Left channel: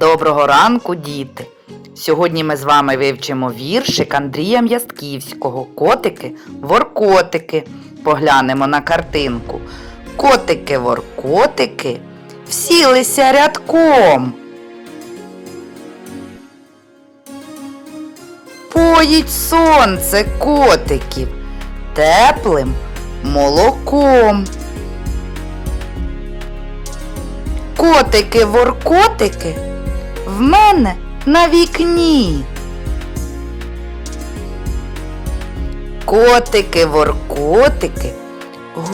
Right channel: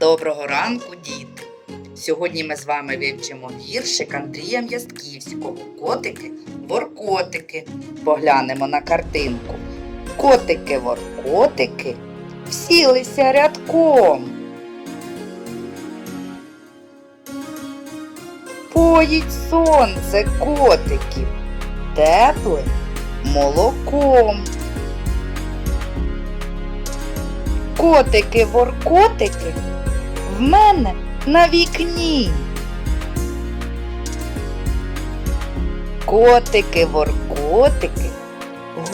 Доброго ранку, діти! Сьогодні ми з вами вивчимо віршик Андрія М'ястківського Котики воркотики. Поглянемо на картинку. Котики воркотики всілися рядком. Поїть сонце котиків теплим молоком. Котики воркотики в мене на вікні. Котики воркотики,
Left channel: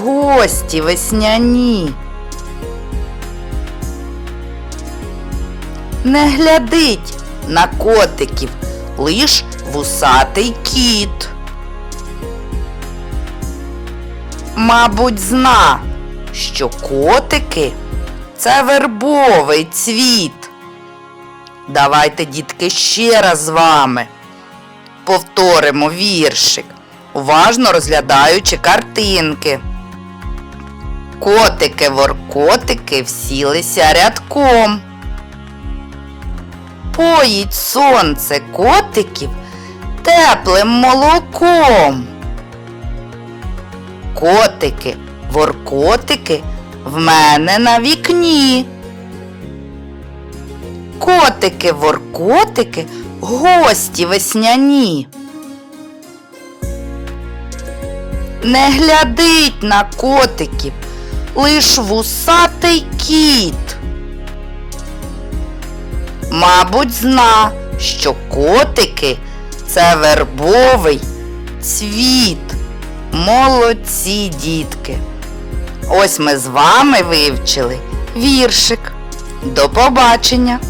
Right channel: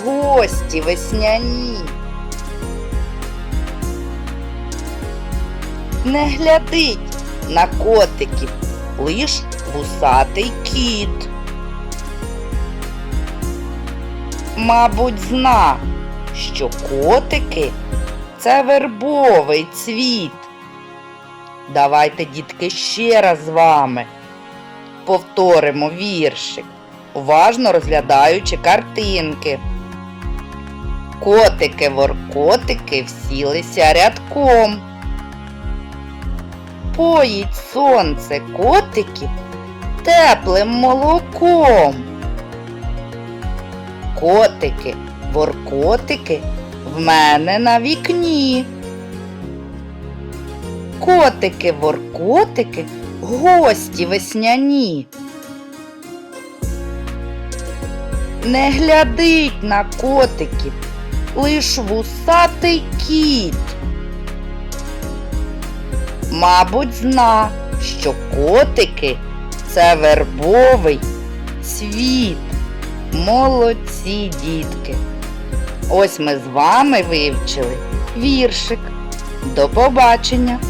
гості весняні. Не глядить на котиків лиш вусатий кіт. Мабуть, зна, що котики це вербовий цвіт. Давайте, дітки, ще раз з вами повторимо віршик, уважно розглядаючи картинки. Котики воркотики всілися рядком. Поїть сонце котиків теплим молоком. Котики, воркотики в мене на вікні. Котики, воркотики, гості весняні. Не глядить на котиків, лиш вусатий кіт. Мабуть, зна, що котики це вербовий цвіт. Молодці, дітки. Ось ми з вами вивчили віршик. До побачення!